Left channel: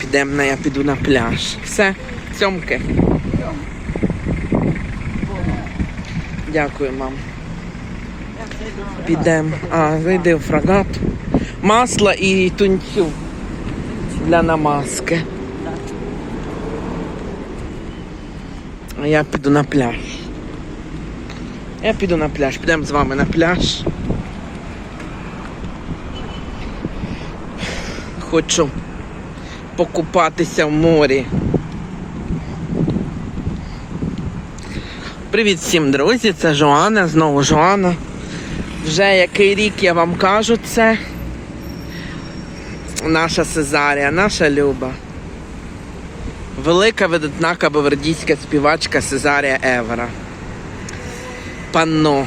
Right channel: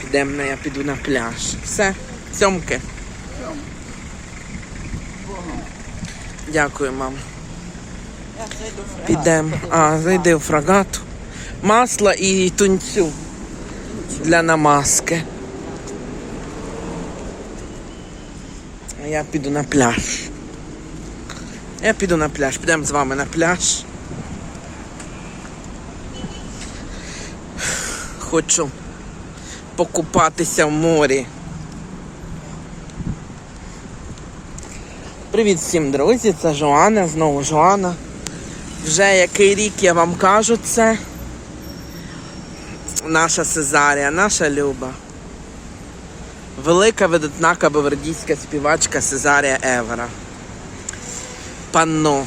Підемо я піду на пляж. Все, сьомки. Дякую, мам. Підемо. А, зайди в фрагат. Масло і тунцю для намазки. А я піду на пляж. Я піду на пляж. Підемо з вами на пляж. Хочу покупатися в морі. Привіт всім, друзі! Це Жоанна, знову Жоанна. Вже який рік я вам кажу це. Наша Сезарія, наша Люба. Велика видатна кабавердійська співачка Сезарія Евера. Панно.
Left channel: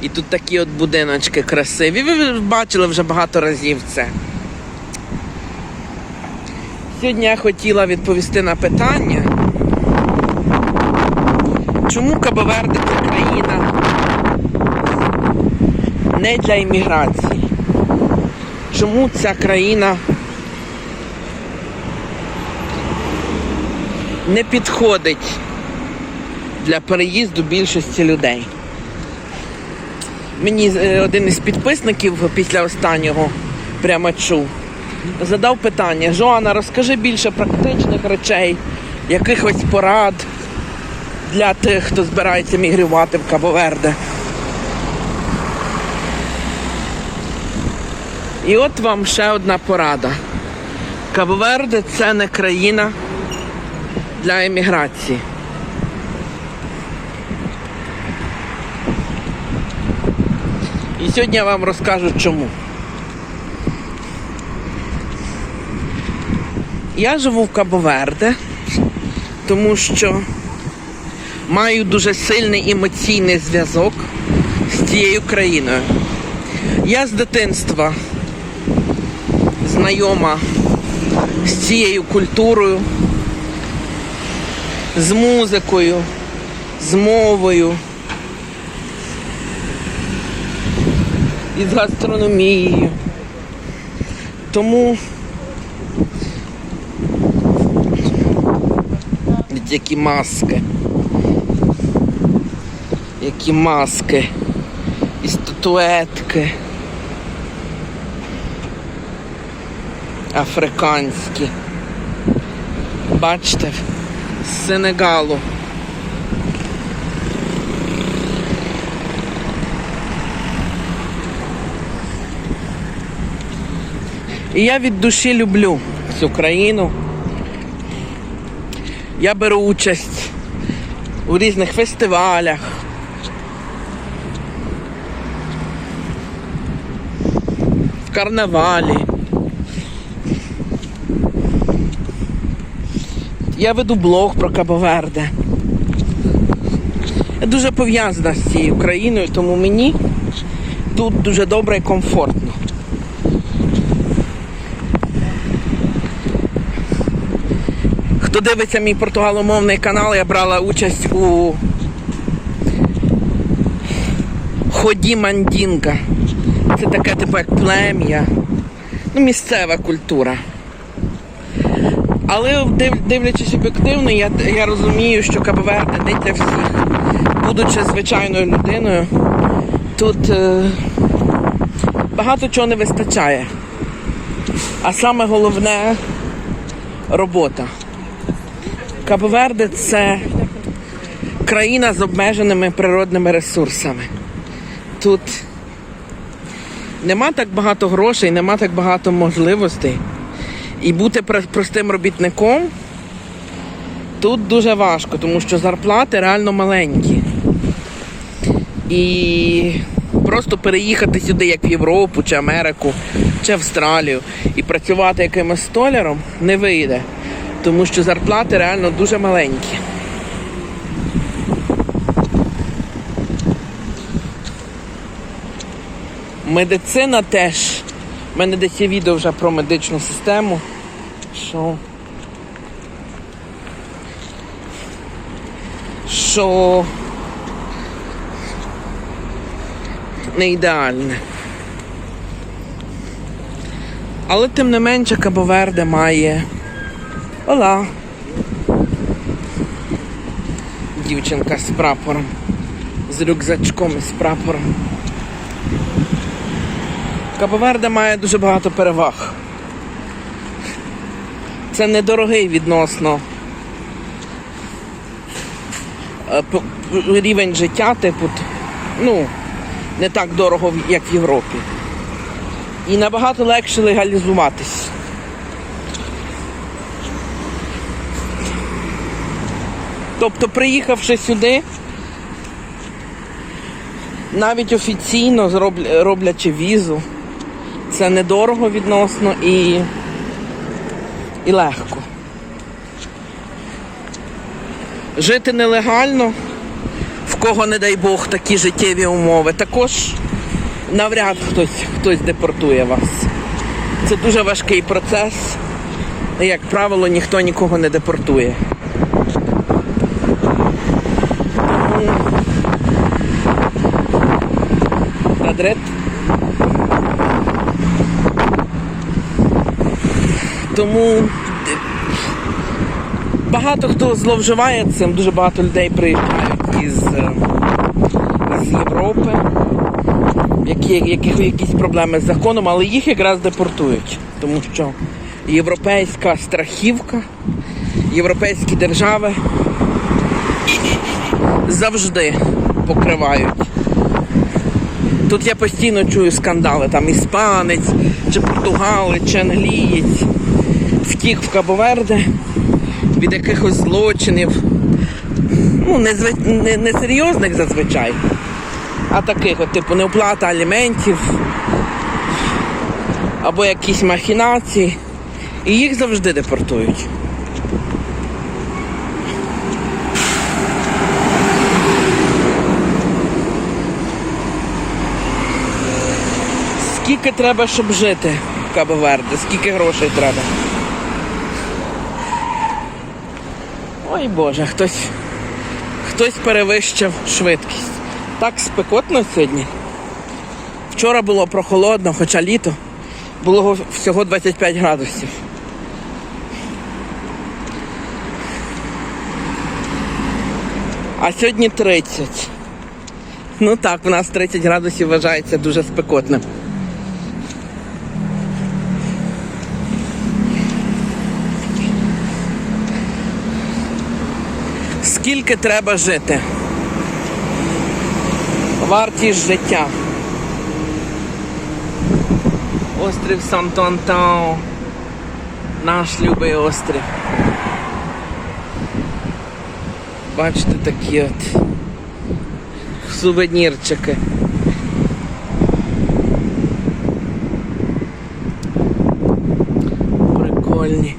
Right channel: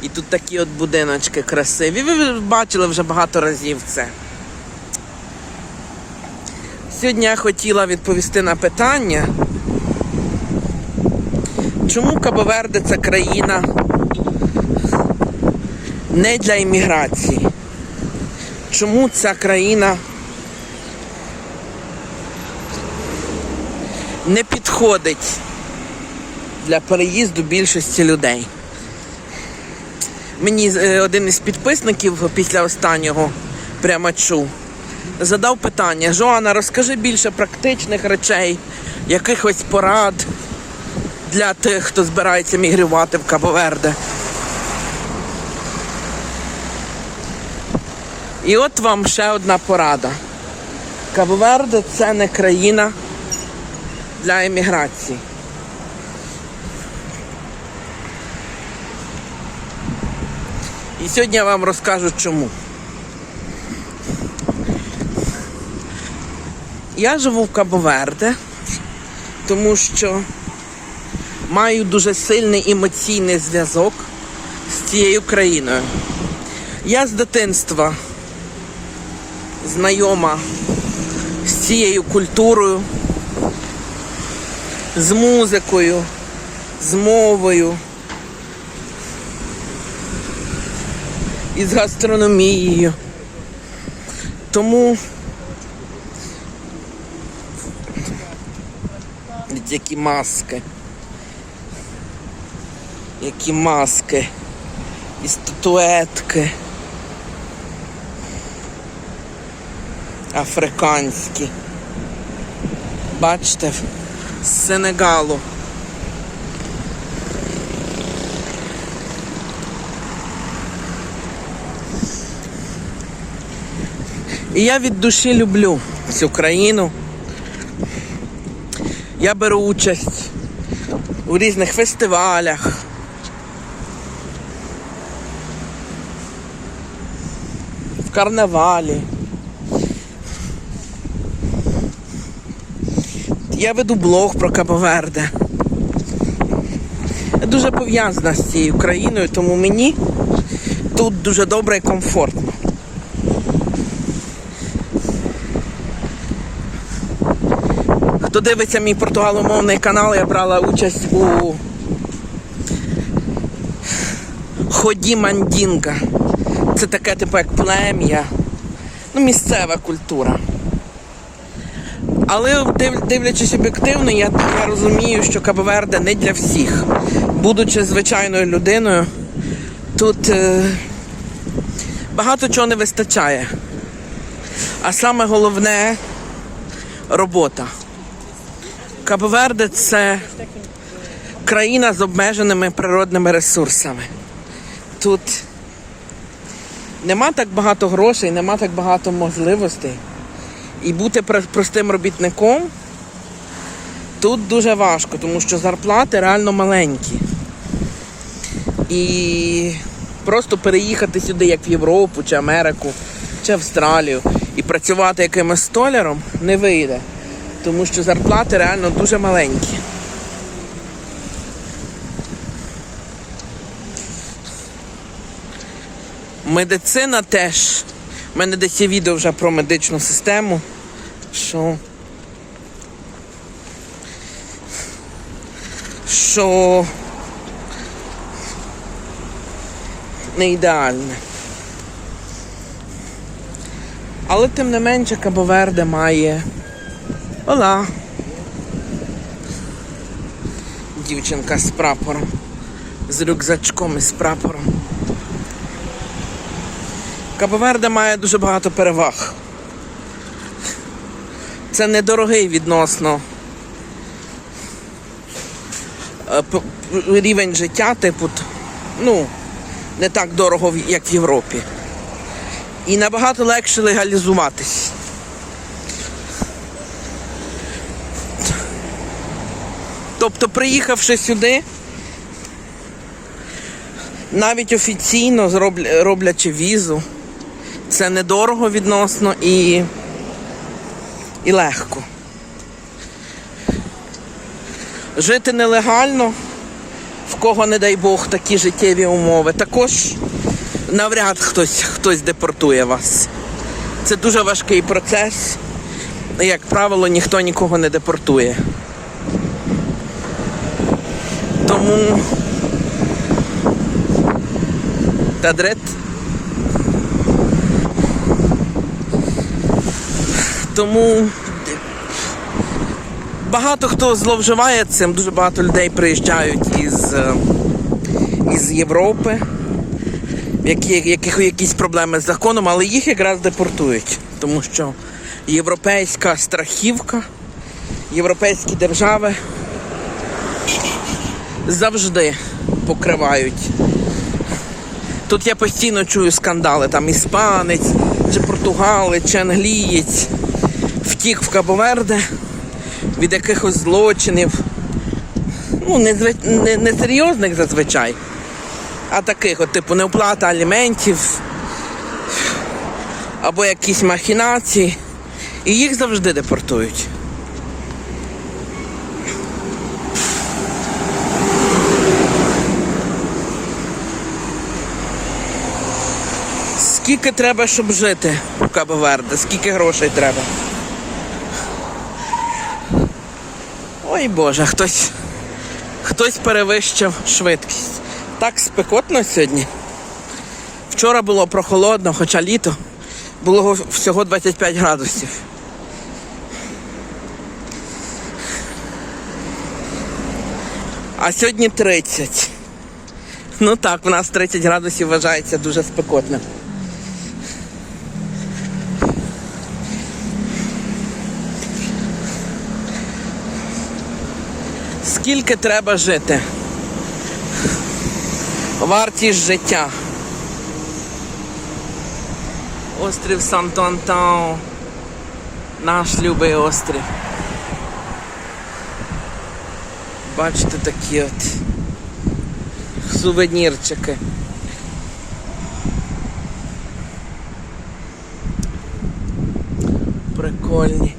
І тут такі от будиночки красиві. Ви бачили вже багато разів це. Сьогодні я хотіла відповісти на питання, чому Кабоверде це країна не для імміграції? Чому ця країна не підходить для переїзду більшості людей? Мені е, один із підписників після останнього прямо чув. Задав питання: Жоана, розкажи більше практичних речей, якихось порад для тих, хто збирається мігрувати в Кабоверде. І от вам ще одна порада. Кабоверде це не країна для еміграції. І сьогодні я вам розкажу чому. Я живу в Кабоверде, тому що маю дуже сильний емоційний зв'язок з цією країною. Я з дитинства знайома з цією культурою, з музикою, з мовою. і з гастрономією. Тому які маски. Які маски. І статуетки. Африканські. Бачите, з Сенегалу. І я від душі люблю цю країну. Я беру участь у різних фестивалях. В карнавалі. Я веду блог про Кабоверде. Я дуже пов'язана з цією країною, тому мені тут дуже добре і комфортно. Хто дивиться мій португаломовний канал, я брала участь у ході мандінга. Це таке типу як плем'я, ну, місцева культура. Але дивлячись об'єктивно, я, я розумію, що Кабоверде не для всіх. Будучи звичайною людиною, тут е, багато чого не вистачає. А саме головне робота. Кабоверде це країна з обмеженими природними ресурсами. Тут нема так багато грошей, нема так багато можливостей. І бути простим робітником тут дуже важко, тому що зарплати реально маленькі. І просто переїхати сюди, як в Європу, чи Америку, чи Австралію, і працювати якимось столяром не вийде тому що зарплати реально дуже маленькі. Медицина теж. У мене десь є відео вже про медичну систему, що, що не ідеальне. Але тим не менше Кабоверде має. Ола. Дівчинка з прапором. З рюкзачком і з прапором. Кабоверде має дуже багато переваг. Це недорогий відносно е, рівень життя, типу, ну, не так дорого, як в Європі. І набагато легше легалізуватись. Тобто, приїхавши сюди, навіть офіційно роблячи візу, це недорого відносно і, і легко. Жити нелегально, в кого, не дай Бог, такі життєві умови, також навряд хтось, хтось депортує вас. Це дуже важкий процес. Як правило, ніхто нікого не депортує. Тадрет. Тому багато хто зловживає цим, дуже багато людей приїжджають із, е, із Європи, які, яких якісь проблеми з законом, але їх якраз депортують. Тому що європейська страхівка, європейські держави завжди покривають. Тут я постійно чую скандали, там іспанець, чи португалець, чи англієць втік в Кабоверде від якихось злочинів. Ну, не, не, не серйозних зазвичай, а таких, от, типу, неоплата аліментів або якісь махінації. І їх завжди депортують. Скільки треба, щоб жити в Кабо-Верде? Скільки грошей треба? Ой Боже, хтось, хтось перевищив швидкість. Так спекотно сьогодні. Вчора було прохолодно, хоча літо було всього 25 градусів. А сьогодні 30. Ну так, у нас 30 градусів вважається дуже спекотним. Скільки треба жити? Вартість життя. Острів Санто-Антао. Наш любий острів. Бачите такі от сувенірчики. Прикольні.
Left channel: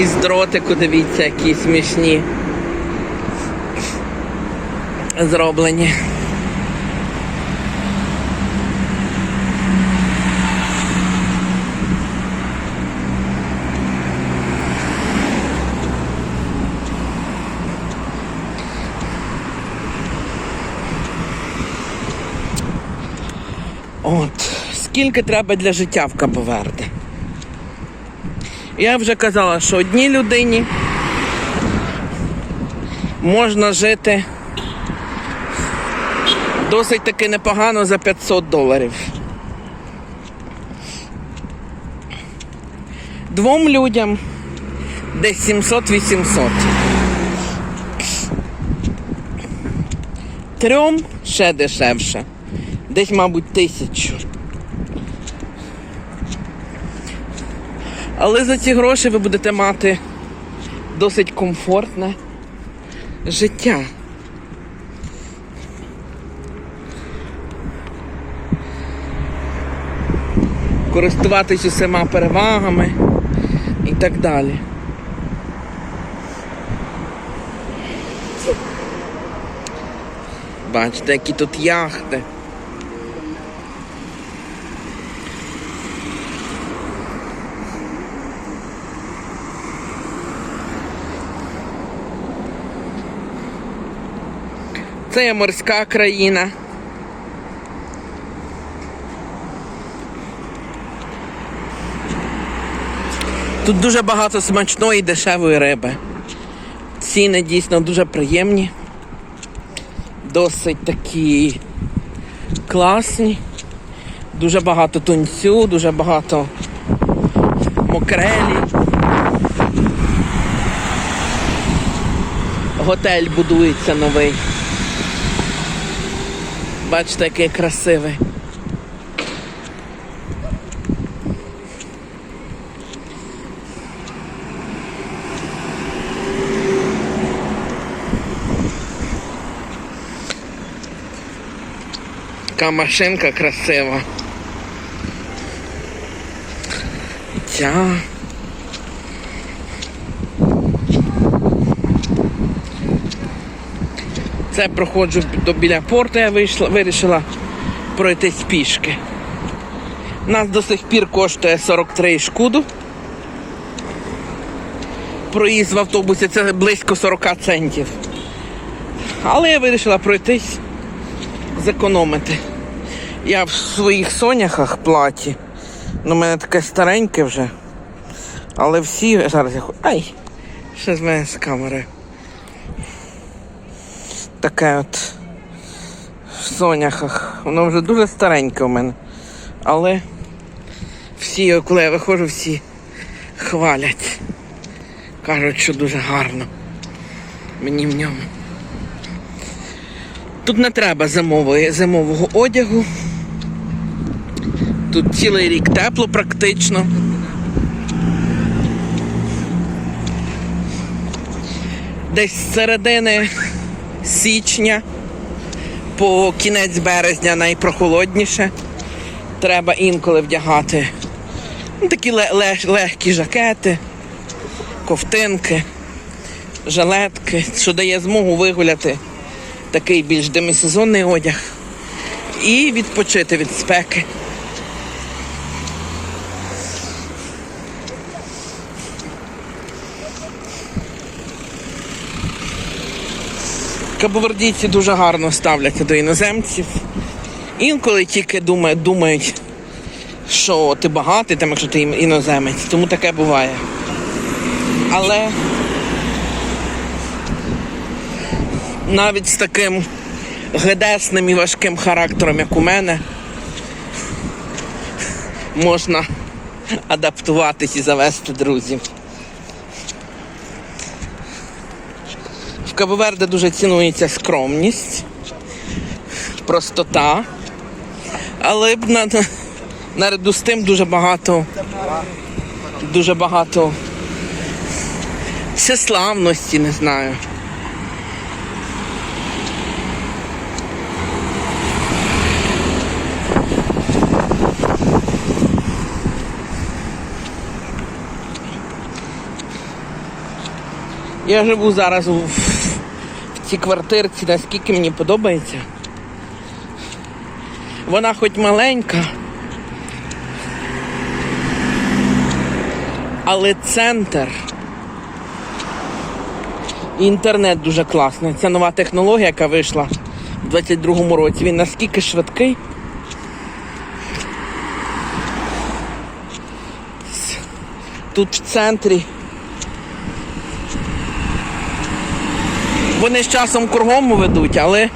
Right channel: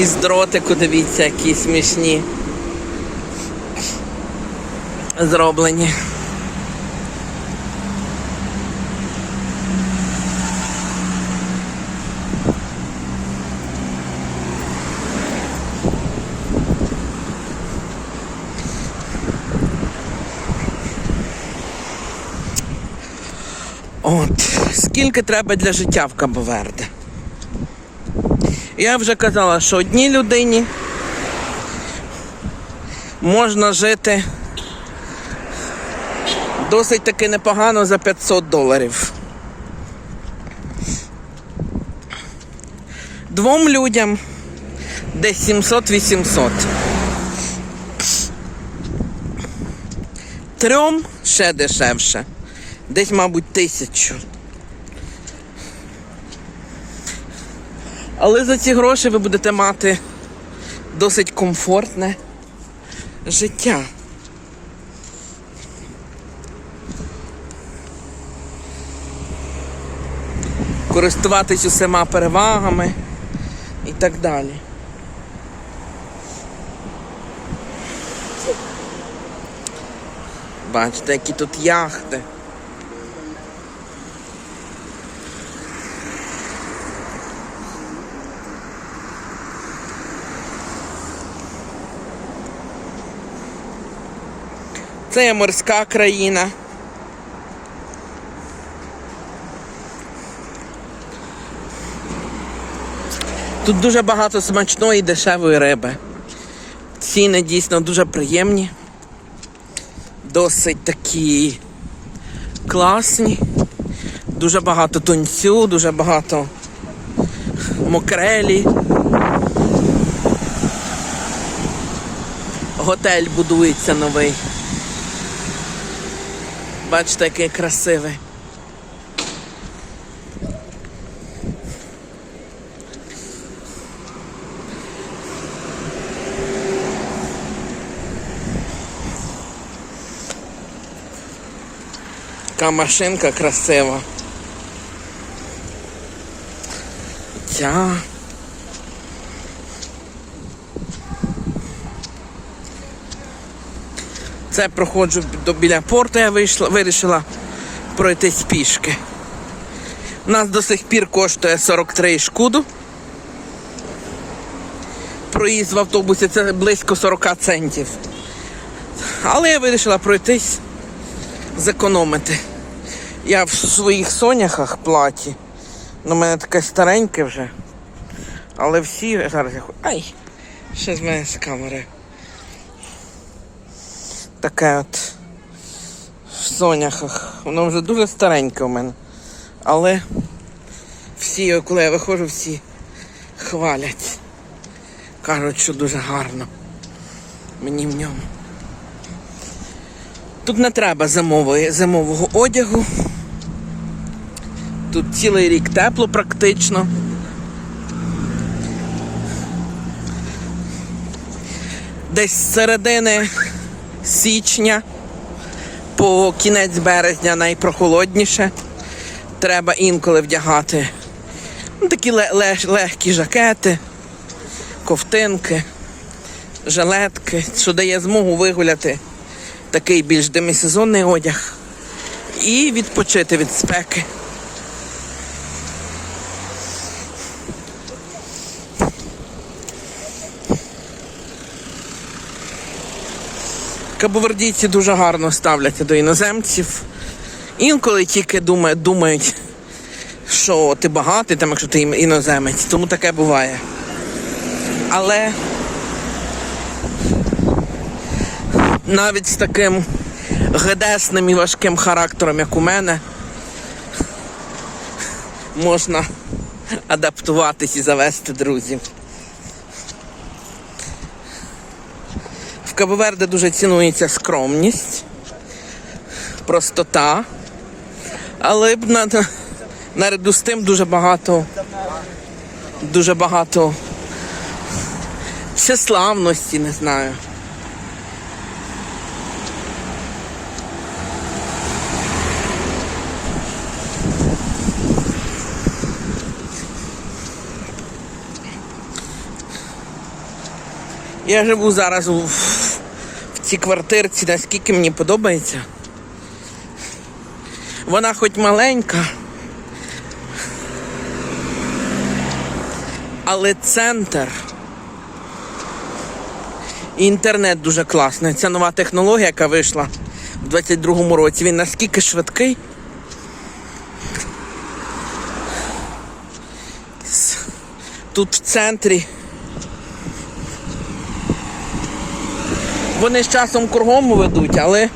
І з дротику, дивіться, які смішні. Зроблені. От, скільки треба для життя в Кабоверде? Я вже казала, що одній людині можна жити досить таки непогано за 500 доларів. Двом людям десь 700-800. Трьом ще дешевше. Десь, мабуть, тисячу. Але за ці гроші ви будете мати досить комфортне життя. Користуватись усіма перевагами і так далі. Бачите, які тут яхти. Це є морська країна. Тут дуже багато смачної і дешевої риби. Ціни дійсно дуже приємні. Досить такі класні. Дуже багато тунцю, дуже багато мокрелі. Готель будується новий. Бачите, який красивий. Така машинка красива. Ця. Це проходжу біля порту, я вийшла, вирішила пройтись пішки. У нас до сих пір коштує 43 шкуду. Проїзд в автобусі це близько 40 центів. Але я вирішила пройтись, зекономити. Я в своїх соняхах платі. Ну, у мене таке стареньке вже. Але всі зараз я Ай! Ще з мене з камери. Таке от в соняхах. Воно вже дуже стареньке у мене. Але всі, коли я виходжу, всі хвалять. Кажуть, що дуже гарно. Мені в ньому. Тут не треба зимової, зимового одягу. Тут цілий рік тепло практично. Десь з середини січня по кінець березня найпрохолодніше. Треба інколи вдягати ну, такі ле- ле- легкі жакети, ковтинки, жилетки, що дає змогу вигуляти такий більш демісезонний одяг і відпочити від спеки. Кабовердійці дуже гарно ставляться до іноземців. Інколи тільки думають, що ти багатий, там, якщо ти іноземець, тому таке буває. Але навіть з таким гедесним і важким характером, як у мене, можна адаптуватись і завести друзів. Кабоверде дуже цінується скромність, простота, але наряду з тим дуже багато, дуже багато всеславності, не знаю. Я живу зараз у, цій квартирці, наскільки мені подобається. Вона хоч маленька, але центр. І інтернет дуже класний. Це нова технологія, яка вийшла в 22-му році. Він наскільки швидкий. Тут в центрі. Вони з часом кругом ведуть, але.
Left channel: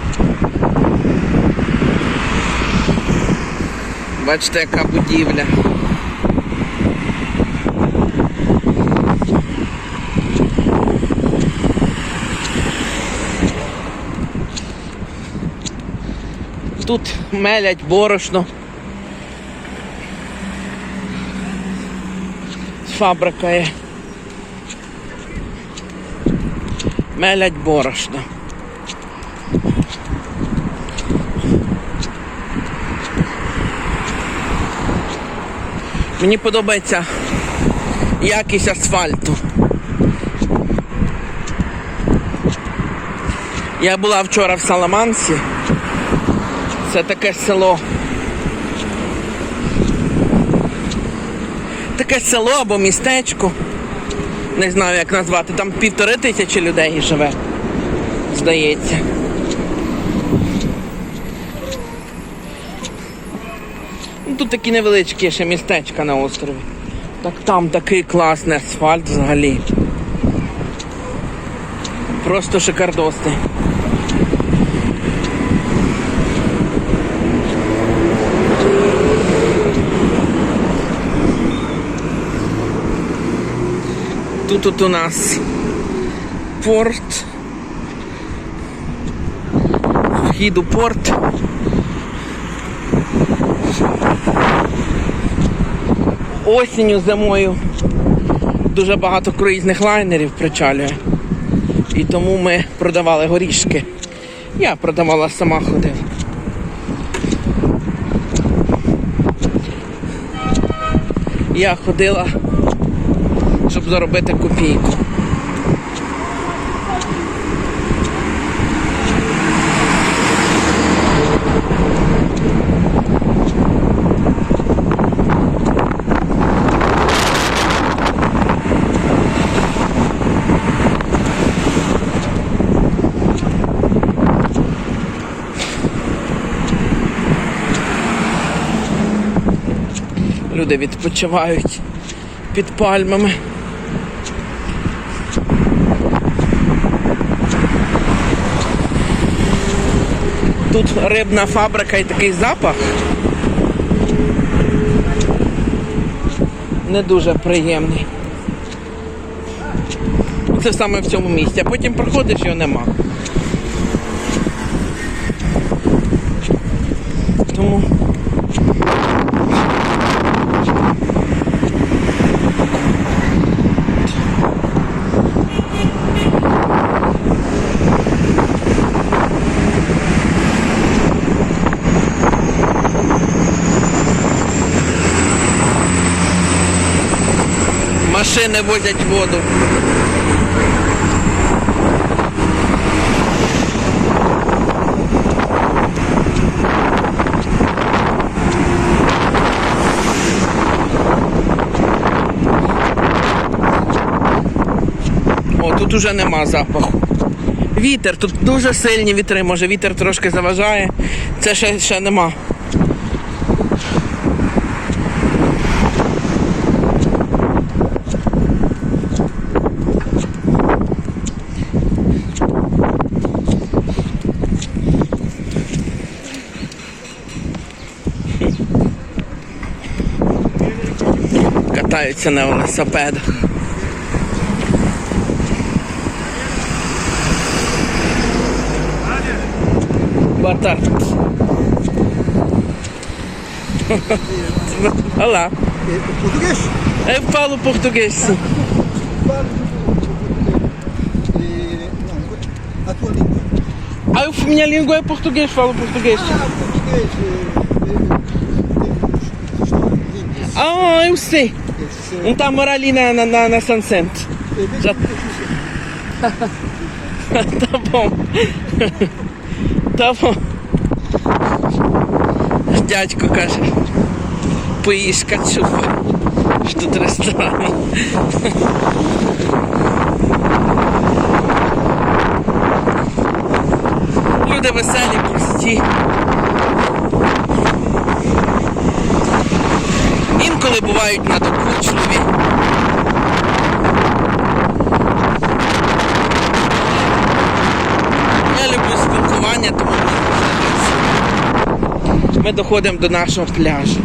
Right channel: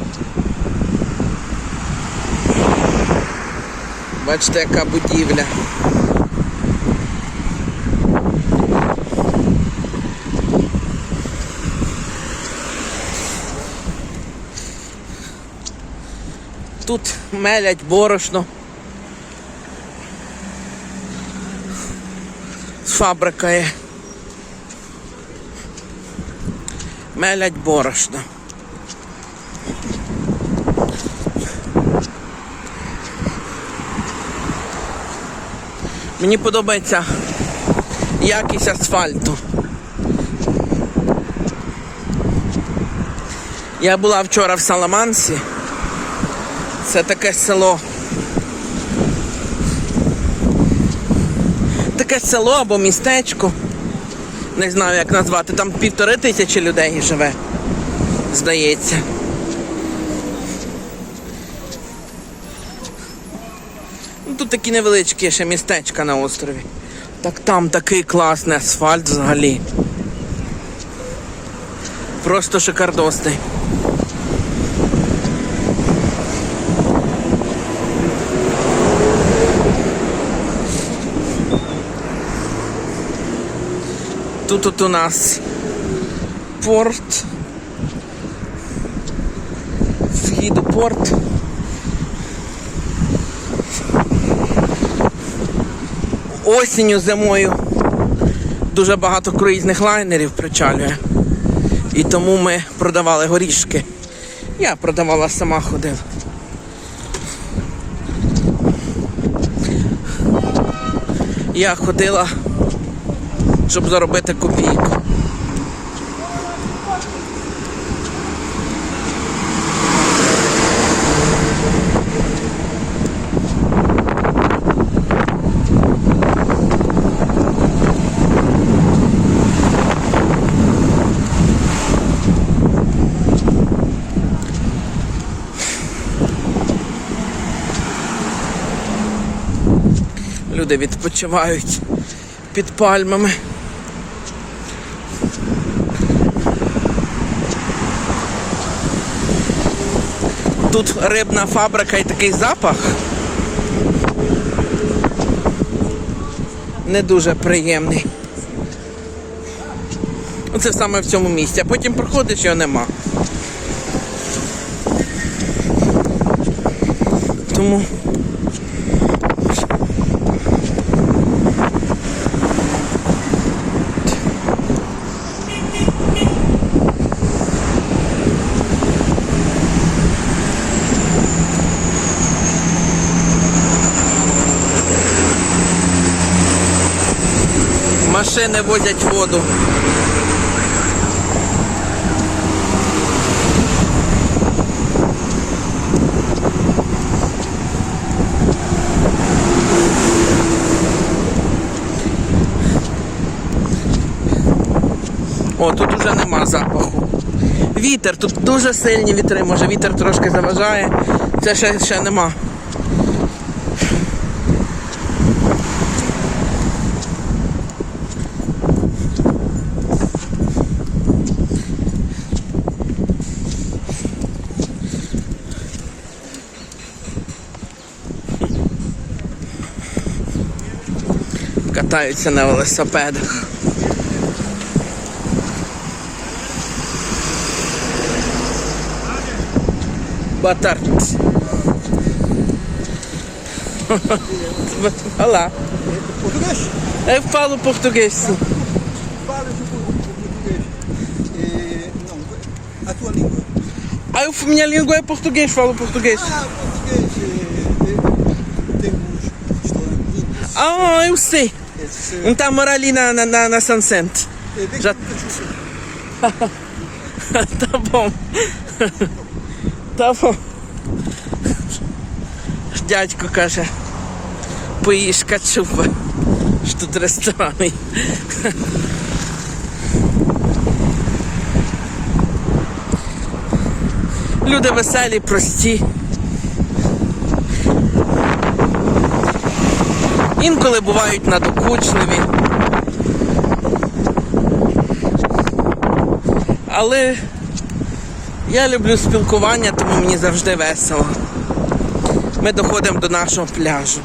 Бачите, яка будівля. Тут мелять борошно. Фабрика є. Мелять борошно. Мені подобається якість асфальту. Я була вчора в Саламансі. Це таке село. Таке село або містечко не знаю як назвати, там півтори тисячі людей живе, здається. Ну, тут такі невеличкі ще містечка на острові. Так там такий класний асфальт взагалі. Просто шикардостий. Тут от у нас порт. Вхід у порт. Осінню, зимою дуже багато круїзних лайнерів причалює. І тому ми продавали горішки. Я продавала сама ходила. Я ходила, щоб заробити копійку. Люди відпочивають під пальмами. Тут рибна фабрика і такий запах. Не дуже приємний. Ну, Це саме в цьому місці, а потім проходиш його нема. Тому машини возять воду. О, тут уже нема запаху. Вітер, тут дуже сильні вітри, може вітер трошки заважає. Це ще, ще нема. Катаються на велосипедах. Boa tarde. Olá. Português? Eu falo português, sim. Fala português. E, a tua língua? Ah, eu, minha língua é português, falo português. Ah, português. eh, eh, Temos história bonita. Ah, eu sei. Um tá mora ali na, na, na, na Sunset. eh, Já- tá bom. tá bom. Дядько каже, поїж качупи. Що тут ресторани. Люди веселі, прості. Інколи бувають надокучливі. Але я люблю спілкування, тому мені завжди весело. Ми доходимо до нашого пляжу.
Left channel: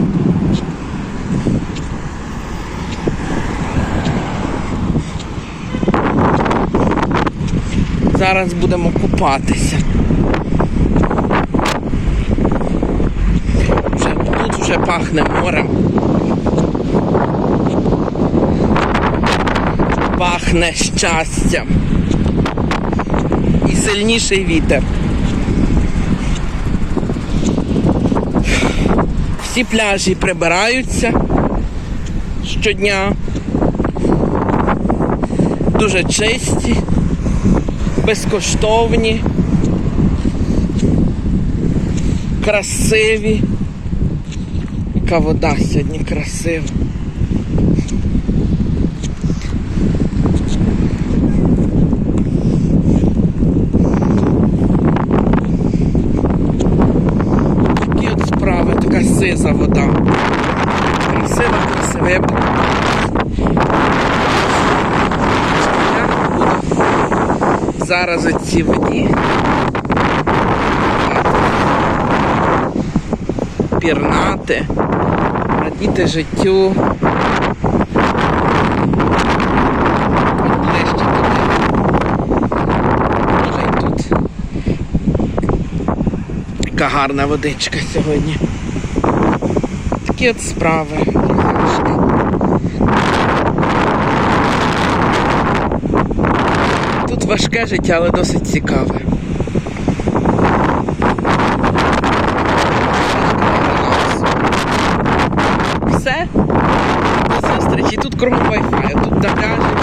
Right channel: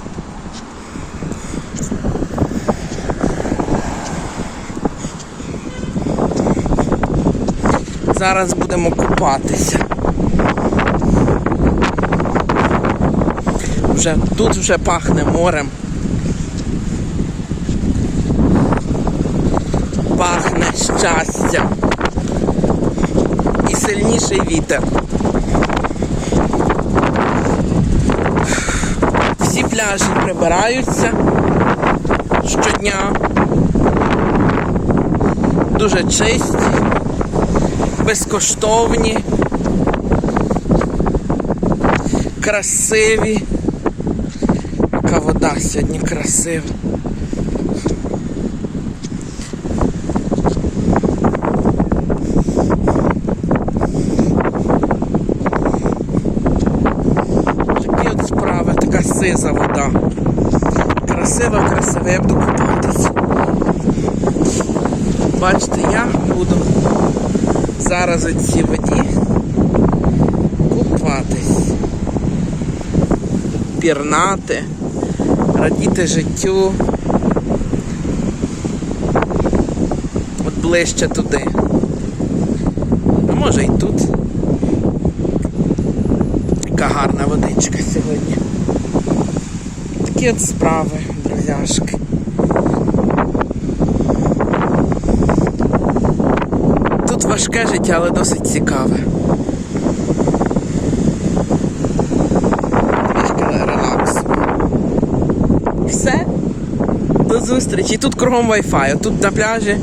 Зараз будемо купатися. Вже, тут вже пахне морем. Пахне щастям і сильніший вітер. Всі пляжі прибираються щодня. Дуже чисті, безкоштовні, красиві. Яка вода сьогодні красива. Такі от справи, така сиза вода. Красива, красива, я буду купатися. Бачите, я буду зараз у цій воді купатись. Пірнати, радіти життю. Ближче туди. Може і тут. Яка гарна водичка сьогодні. Такі от справи, друзяшки. Тут важке життя, але досить цікаве. Все. До зустрічі. Тут кругом Wi-Fi. Тут на пляжі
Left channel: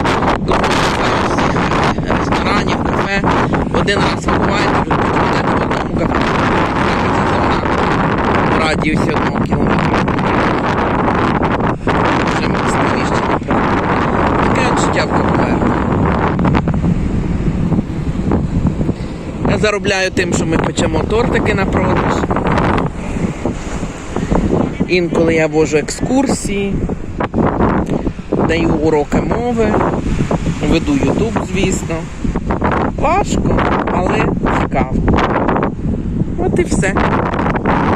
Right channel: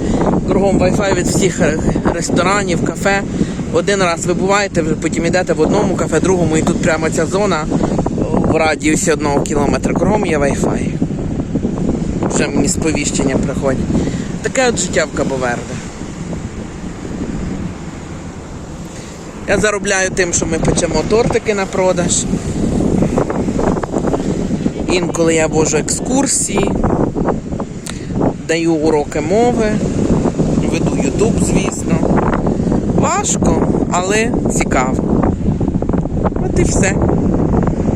кругом Wi-Fi від всіх е, ресторанів, кафе. Один раз ви буваєте, вже потім йдете в одному кафе, другому, і тут прямо ця зона в радіусі одного кілометра. Є Wi-Fi. Вже мені сповіщення приходять. Таке от життя в Кабоверне. Я заробляю тим, що ми печемо тортики на продаж. Інколи я вожу екскурсії, даю уроки мови, веду Ютуб, звісно. Важко, але цікаво. От і все.